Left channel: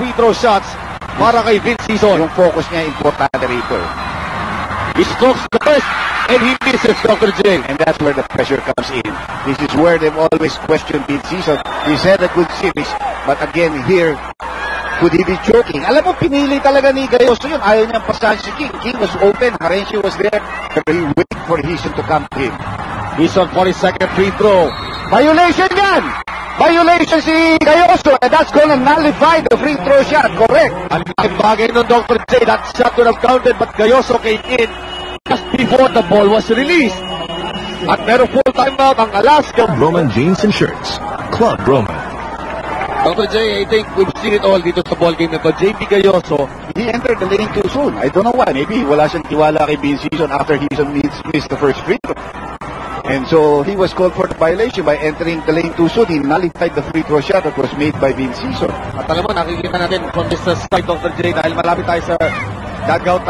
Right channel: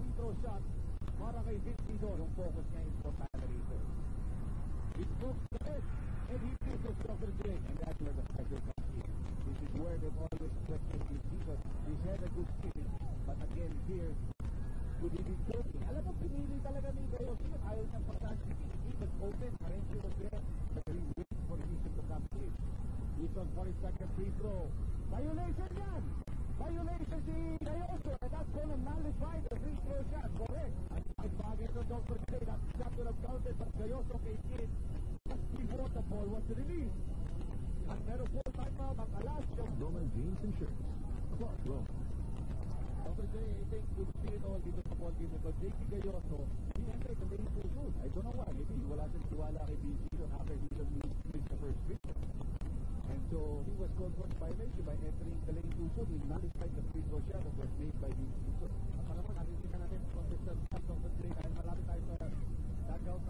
free throw shots para kay Vince Sison. Yung focus niya importante rito. He strokes the first and he misses, Dr. J. And that's where the pressure comes in. This is where they've always questioned Vince Sison. He's had a good series, but again here, could he be choking? Alam mo, pinili talaga ni Gayoso yun. Ayaw niyang pasahan si King. King was open. Harenchi was there. But he waited for Hison to come to him. Hison for his second free throw. Violation yan! Violation si Gayoso, and that's gonna nullify the free throw shot. Correct. Ang bagay nun, Dr. J, that shot would have counted, but Gayoso came in just before the ball was released. At meron full timeout ang Alaska. Roman Jeans and Shirts. Club Roman. Dr. J, I think we've seen it all dito sa ball game na to. JP Gayoso, He entered the lane too soon. I don't know why. Maybe wala siyang tiwala kay Vince Sison after Hison missed the first free throw. And so he was called for the violation by entering the lane too soon. He nullified the free throw shot that was made by Vince Sison. at alam mo, nakikita natin from this side, Dr. J, dahil malapit tayo sa dugout